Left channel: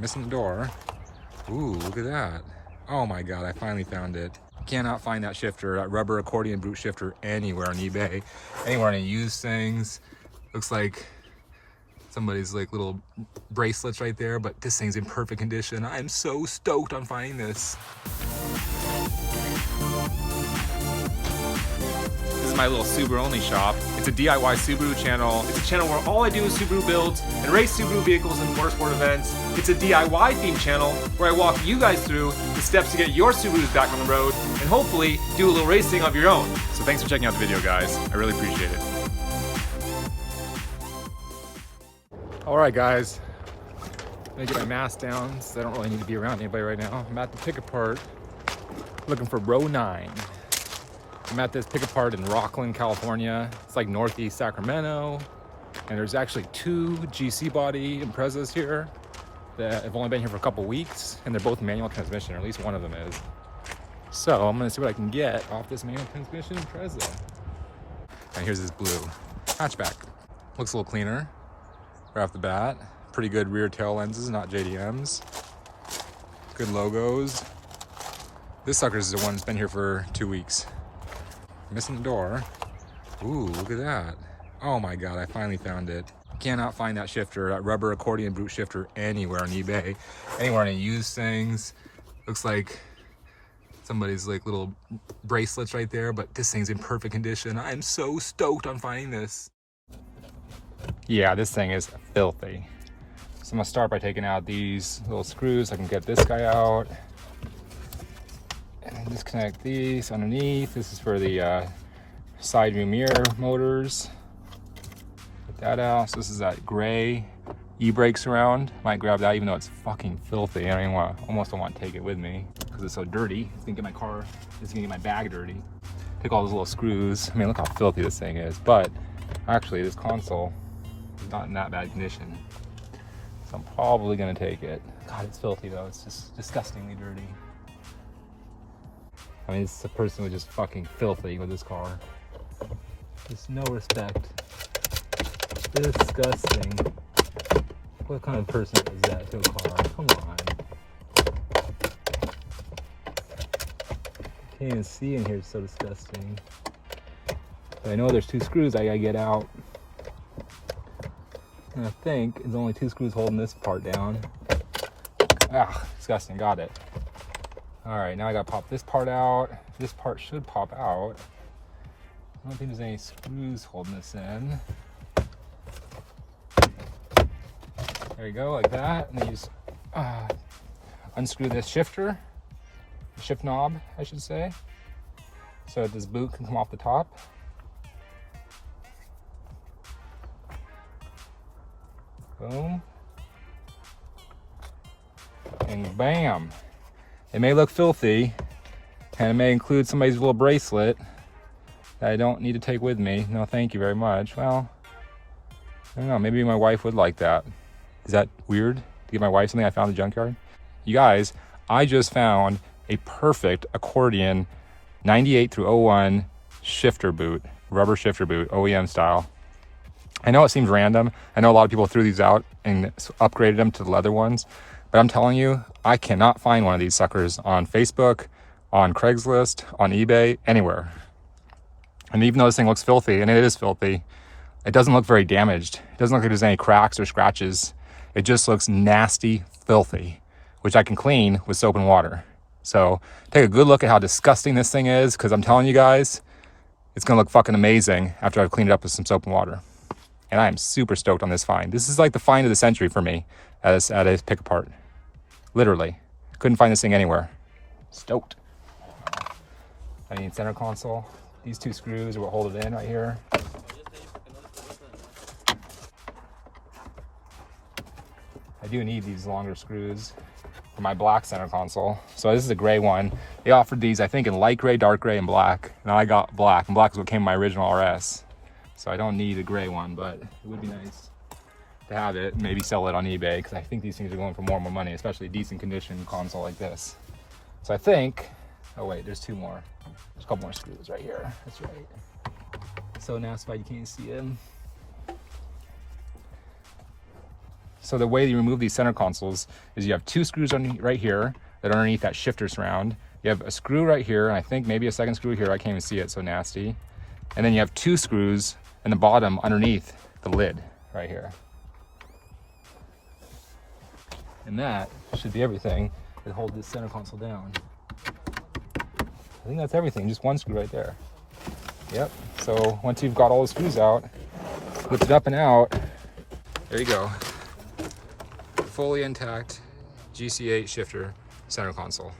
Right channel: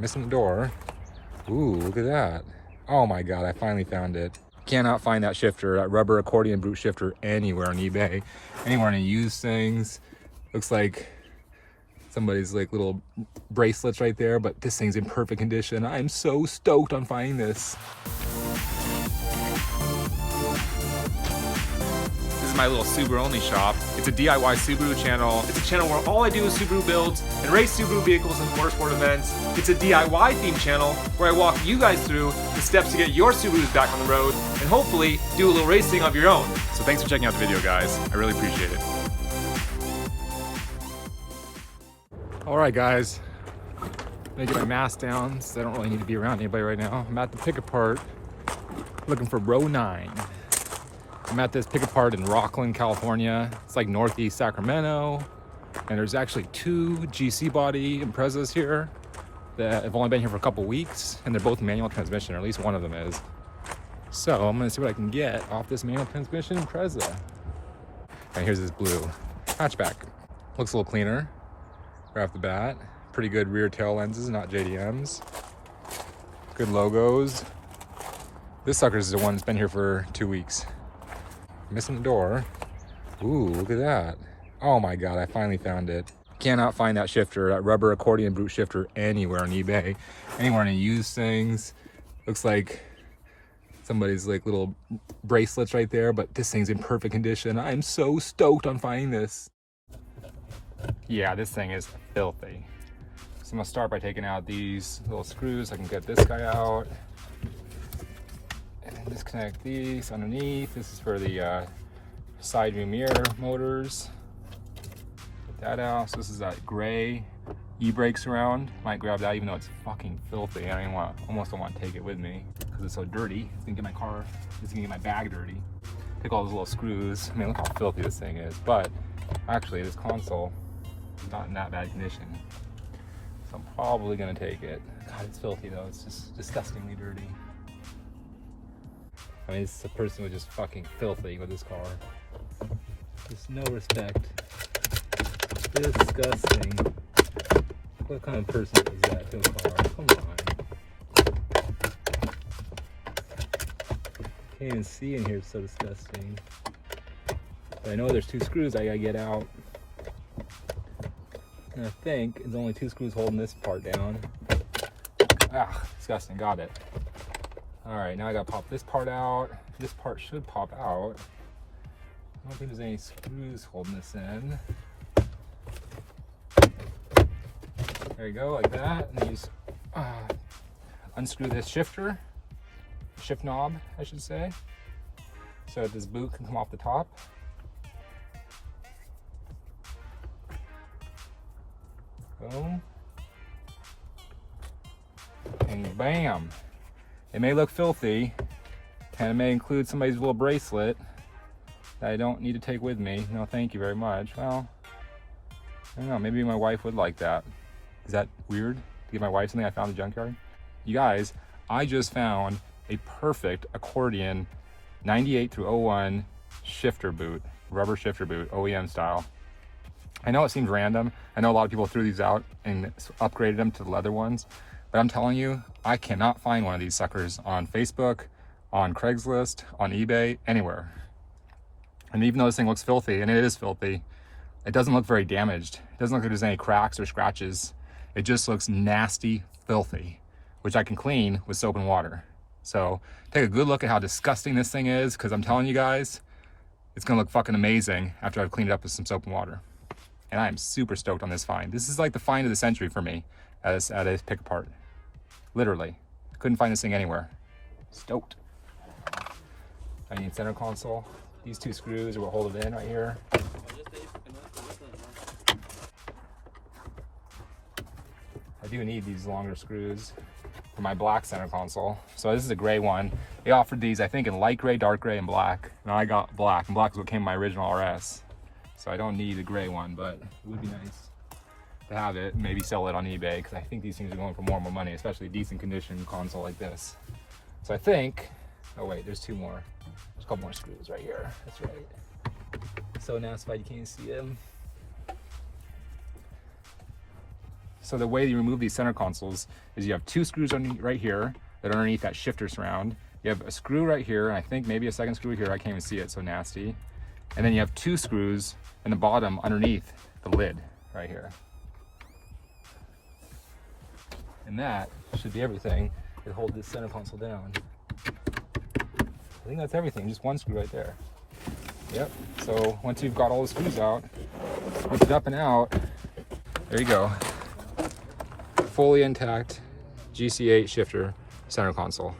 Missing the door. Ooh, look at that. Oh my God, I finally found it. Cannot find that shifter, that rubber accordion boot shifter anywhere on eBay, anywhere on any used things. Looks like somebody's like little bracelets right there, but this thing's in perfect condition. I'm so stoked on finding this. This is my little SubaruONLY shop. It's a DIY Subaru channel. It's a channel where all I do is Subaru builds and race Subaru vehicles in motorsport events. It's a DIY themed channel where I walk you guys through the steps to get your Subarus back on the road and hopefully do a little racing of your own. So thanks for checking out the video, guys. I really appreciate it. All right, guys. I'm gonna get my mask down so I don't really need to be around anybody right now. I'm at the pick apart looking for row 9. I'm at this pick apart in Rocklin, California. It's like northeast Sacramento. And there's actually 2 GC body Imprezas here that have only been here for a couple weeks, and they're both manual transmission, or at least one of them is. So I'm gonna see what I can get off this manual transmission Impreza. And here's this blue hatchback. Looks a little cleaner right off the bat. Pretty good rear tail lenses, not JDMs. Good logos. This sucker's the one that's been here for 2 weeks. Missing the door. Ooh, look at that. Oh my God, I finally found it. Cannot find that shifter, that rubber accordion boot shifter anywhere on eBay, anywhere on any used things. Looks like somebody's like little bracelets right there, but this thing's in perfect condition. I'm so stoked on finding this. Yeah, this thing is filthy. So I'm gonna start by taking out these little screws. I can get this guy out. And disconnect these underneath. This is for the side view mirror motors. Put that out. So this is that gray e-brake surround. Might grab that even though it's fucking filthy. I don't even almost don't want to take it with me because it's so dirty. It's gonna get my car, it's gonna get my bag dirty. Pick all those little screws. I mean, look how filthy this thing is. But actually this console is not in that bad condition. So I'm probably gonna take it. God, it's filthy though. It's just disgustingly dirty. I mean, it's a person who's just fucking filthy with this car. Just no respect. Disgusting. What kind of person is that to a car? Come on. Can't even see in here, it's so disgusting. But I know there's 2 screws I gotta get out. And I think there's only 2 screws holding this part down. Ah, disgusting, got it. All right, now I gotta pop this part out. This part should pop out. I don't think there's any screws holding this in. There you go, like that. And you just unscrew this shifter, shift knob, I should say, so that this boot can come off the top. Boom. And bam. It may look filthy, and it may include somebody's little bracelet that I don't need to take with me. No, thank you very much. Well, I don't know, maybe my wife would like that. Is that weird to give my wife something I found in the junkyard? You guys, I just found a perfect accordion 98 through 01 shifter boot, rubber shifter boot, OEM style. I know it seems random. I know a lot of people threw these out and upgraded them to the leather ones, but I'm telling you, I cannot find one of these suckers on Facebook, on Craigslist, on eBay, anywhere. And even though this thing looks filthy, and it is filthy, it doesn't look very damaged. It doesn't look like there's any cracks or scratches. It just looks nasty, filthy, which I can clean with soap and water. So take a good look at how disgusting this thing is, because I'm telling you guys, it's gonna look fucking amazing after I've cleaned it up with some soap and water. And I am super stoked on this find. This is like the find of the century for me at a pick apart. Literally. Couldn't find this thing anywhere. Stoked. I need center console. These 2 screws are what hold it in right here. I do need these longer screws for my black center console. So this is a gray one. They offered these, I think, in light gray, dark gray, and black. Now I got black, and black is what came in my original RS. So I don't need a gray one, but it would be nice to have it, maybe sell it on eBay, because I think these things are going for more and more money, especially a decent condition console like this. So I think, oh wait, there's 2 more. There's a couple more screws right here. That's right. So now it's fine, you can't see them. So the way you remove these center consoles is you have 2 screws right here that are underneath that shifter surround. You have a screw right here, and I think maybe a second screw here. I can't even see it, so nasty. And then you have 2 screws in the bottom underneath the lid right here. And that should be everything that holds this center console down. I think that's everything, just 1 screw right there. Yep, so once you've got all the screws out, lift it up and out, there you go. Fully intact GC8 shifter center console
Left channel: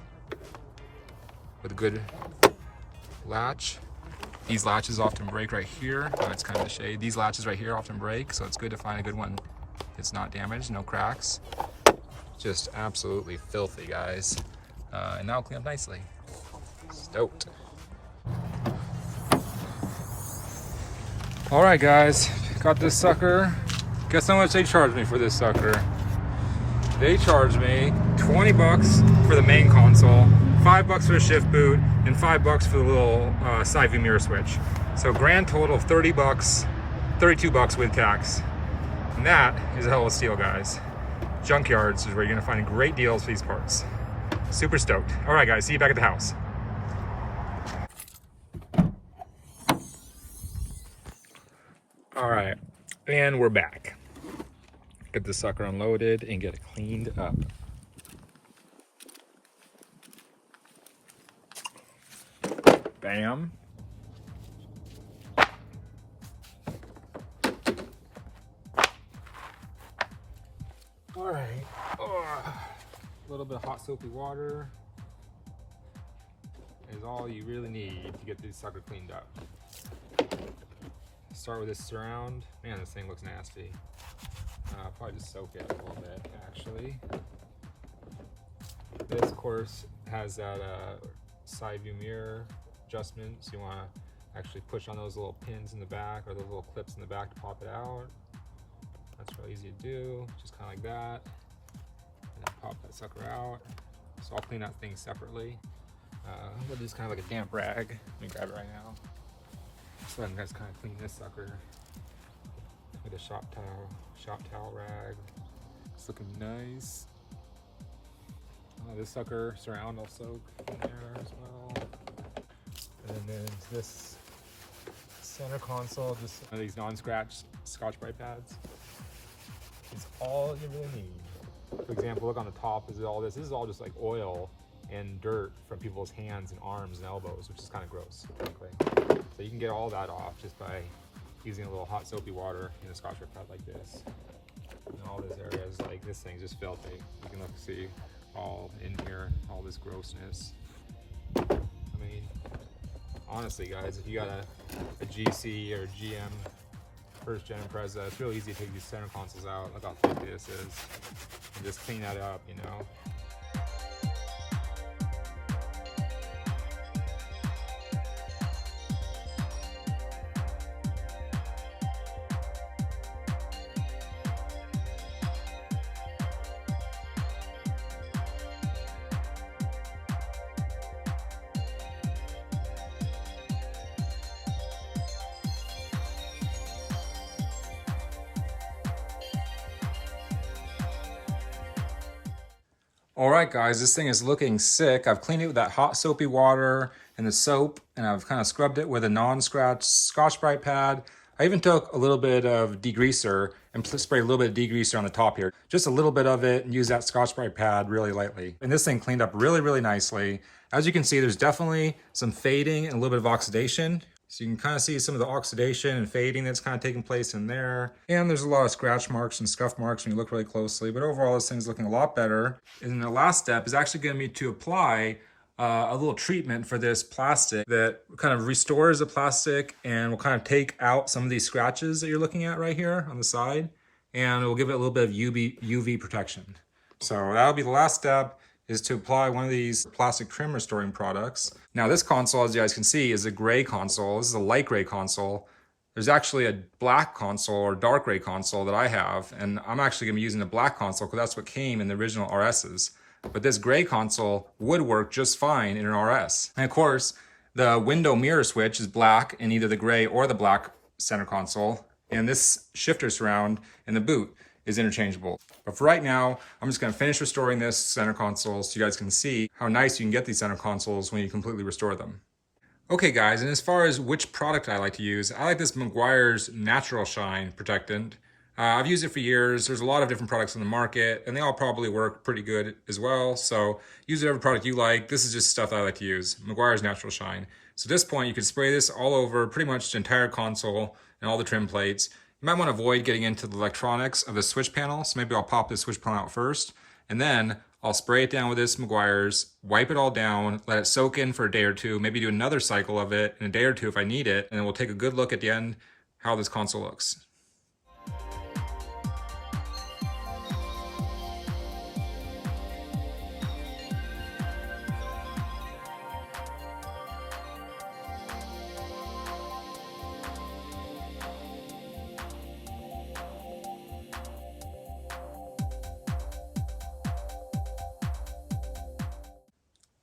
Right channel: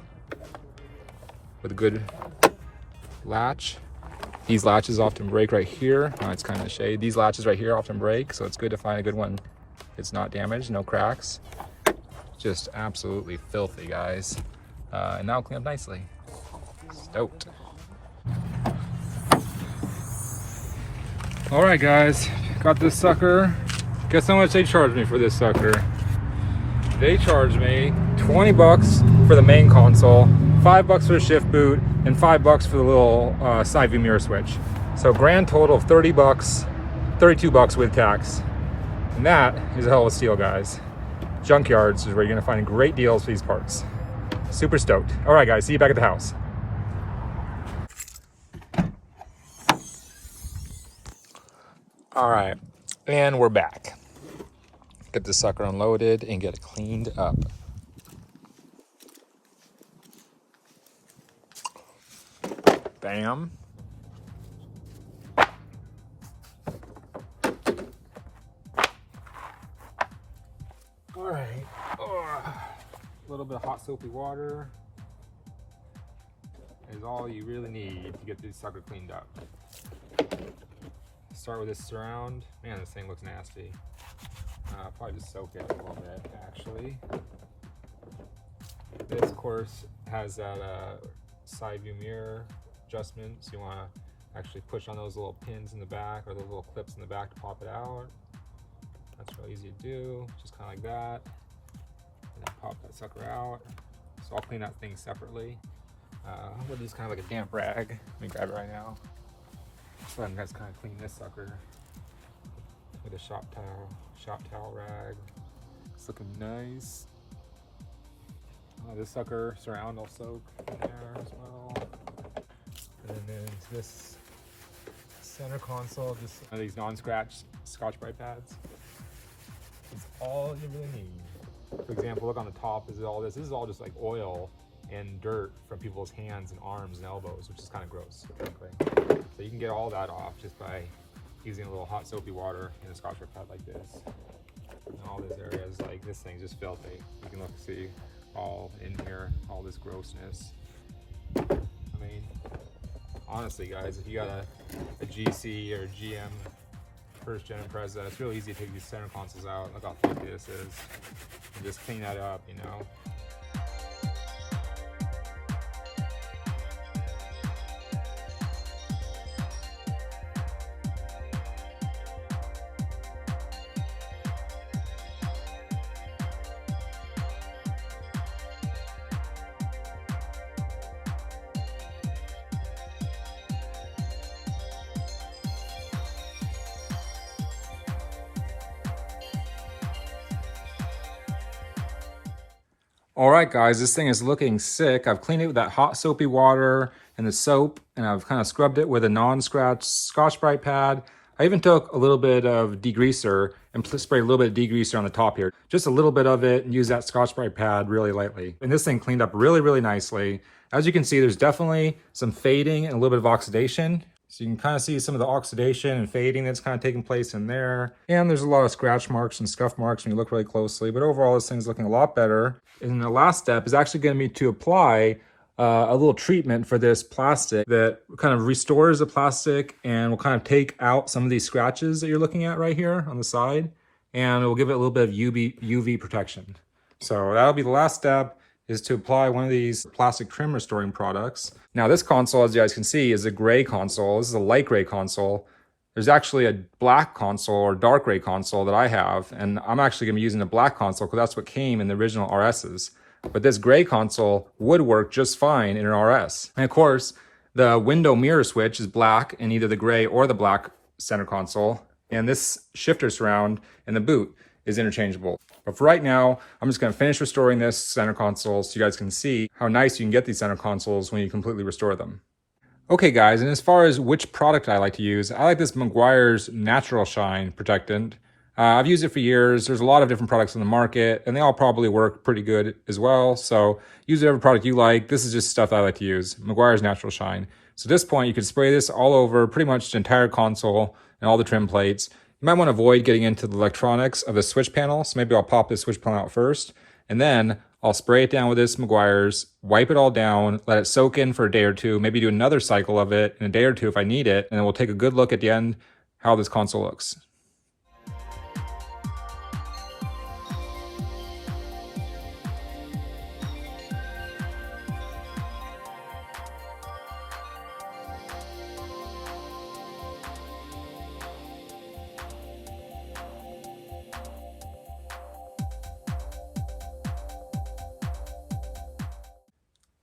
with a good latch. These latches often break right here. Oh, it's kind of shade. These latches right here often break, so it's good to find a good one. It's not damaged, no cracks. Just absolutely filthy, guys. And now clean up nicely. Stoked. All right, guys, got this sucker. Guess how much they charged me for this sucker? They charged me 20 bucks for the main console, 5 bucks for the shift boot, and 5 bucks for the little side view mirror switch. So grand total of 30 bucks, 32 bucks with tax. And that is a hell of a steal, guys. Junkyards is where you're gonna find great deals for these parts. Super stoked. All right, guys, see you back at the house. All right, and we're back. Get this sucker unloaded and get it cleaned up. Bam. All right, a little bit of hot soapy water is all you really need to get this sucker cleaned up. Start with this surround. Man, this thing looks nasty. Probably just soak it a little bit, actually. This, of course, has that side view mirror adjustment, so you want to actually push on those little pins in the back or those little clips in the back to pop it out. That's real easy to do, just kind of like that. And then pop that sucker out. So I'll clean that thing separately. We'll just kind of like a damp rag. Let me grab it right now. So I'm just kind of clean this sucker with a shop towel rag. It's looking nice. This sucker surround will soak in there as well. And then this center console, just these non-scratch Scotch-Brite pads. It's all you really need. For example, look on the top, is all this. This is all just like oil and dirt from people's hands and arms and elbows, which is kind of gross, frankly. So you can get all that off just by using a little hot soapy water in a Scotch-Brite pad like this. And all these areas, like this thing's just filthy. You can look, see all in here, all this grossness. I mean, honestly, guys, if you got a GC or a GM first gen Impreza, it's real easy to take these center consoles out. Look how filthy this is, and just clean that up, you know. All right, guys, this thing is looking sick. I've cleaned it with that hot soapy water and the soap, and I've kind of scrubbed it with a non-scratch Scotch-Brite pad. I even took a little bit of degreaser and sprayed a little bit of degreaser on the top here. Just a little bit of it, and use that Scotch-Brite pad really lightly. And this thing cleaned up really, really nicely. As you can see, there's definitely some fading and a little bit of oxidation. So you can kind of see some of the oxidation and fading that's kind of taking place in there. And there's a lot of scratch marks and scuff marks when you look really closely. But overall, this thing's looking a lot better. And the last step is actually going to be to apply a little treatment for this plastic that kind of restores the plastic and will kind of take out some of these scratches that you're looking at right here on the side. And it will give it a little bit of UV protection. So that'll be the last step, is to apply one of these plastic trim restoring products. Now this console, as you guys can see, is a gray console. This is a light gray console. There's actually a black console or dark gray console that I have, and I'm actually gonna be using the black console because that's what came in the original RSs. But this gray console would work just fine in an RS. And of course, the window mirror switch is black in either the gray or the black center console, and this shifter surround in the boot is interchangeable. But for right now, I'm just gonna finish restoring this center console so you guys can see how nice you can get these center consoles when you completely restore them. Okay guys, and as far as which product I like to use, I like this Meguiar's Natural Shine Protectant. I've used it for years. There's a lot of different products on the market and they all probably work pretty good as well. So use whatever product you like. This is just stuff I like to use, Meguiar's Natural Shine. So at this point, you can spray this all over pretty much the entire console and all the trim plates. You might want to avoid getting into the electronics of the switch panel. So maybe I'll pop this switch panel out first and then I'll spray it down with this Meguiar's, wipe it all down, let it soak in for a day or two, maybe do another cycle of it in a day or two if I need it, and then we'll take a good look at the end how this console looks.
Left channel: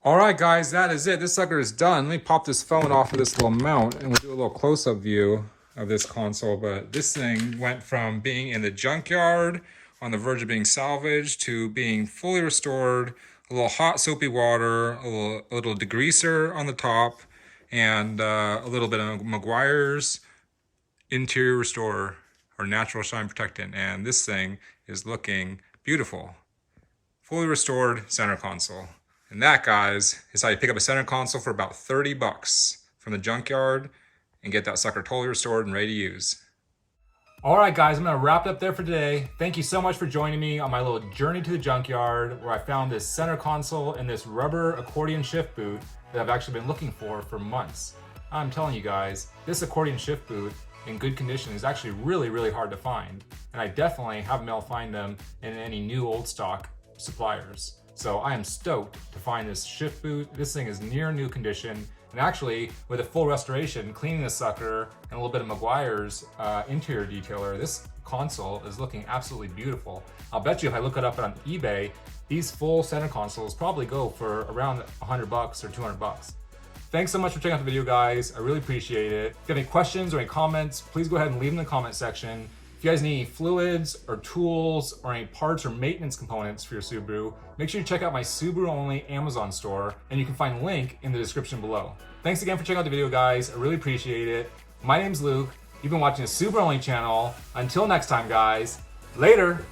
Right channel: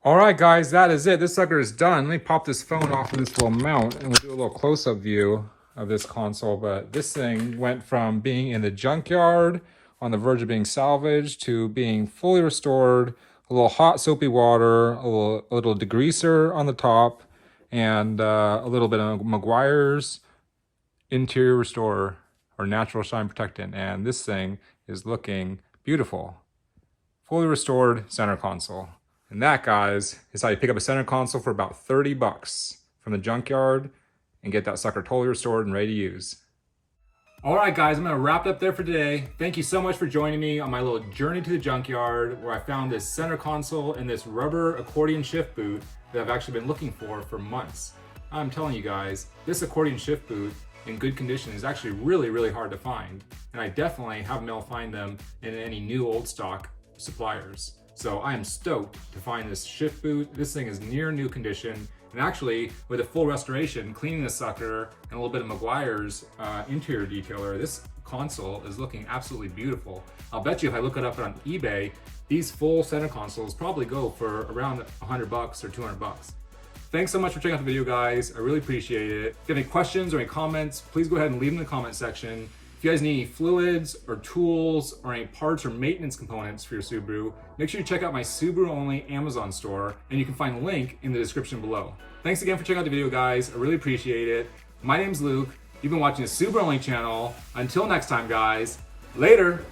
All right, guys, that is it. This sucker is done. Let me pop this phone off of this little mount and we'll do a little close-up view of this console. But this thing went from being in the junkyard on the verge of being salvaged to being fully restored, a little hot soapy water, a little degreaser on the top, and a little bit of Meguiar's Interior Restorer or Natural Shine Protectant. And this thing is looking beautiful. Fully restored center console. And that, guys, is how you pick up a center console for about 30 bucks from the junkyard and get that sucker totally restored and ready to use. All right, guys, I'm gonna wrap it up there for today. Thank you so much for joining me on my little journey to the junkyard where I found this center console and this rubber accordion shift boot that I've actually been looking for months. I'm telling you guys, this accordion shift boot in good condition is actually really, really hard to find. And I definitely haven't been able to find them in any new old stock suppliers. So I am stoked to find this shift boot. This thing is near new condition. And actually, with a full restoration, cleaning the sucker, and a little bit of Meguiar's interior detailer, this console is looking absolutely beautiful. I'll bet you if I look it up on eBay, these full center consoles probably go for around 100 bucks or 200 bucks. Thanks so much for checking out the video, guys. I really appreciate it. If you have any questions or any comments, please go ahead and leave them in the comment section. If you guys need any fluids or tools or any parts or maintenance components for your Subaru, make sure you check out my SubaruONLY Amazon store, and you can find a link in the description below. Thanks again for checking out the video, guys. I really appreciate it. My name's Luke. You've been watching the SubaruONLY channel. Until next time, guys. Later.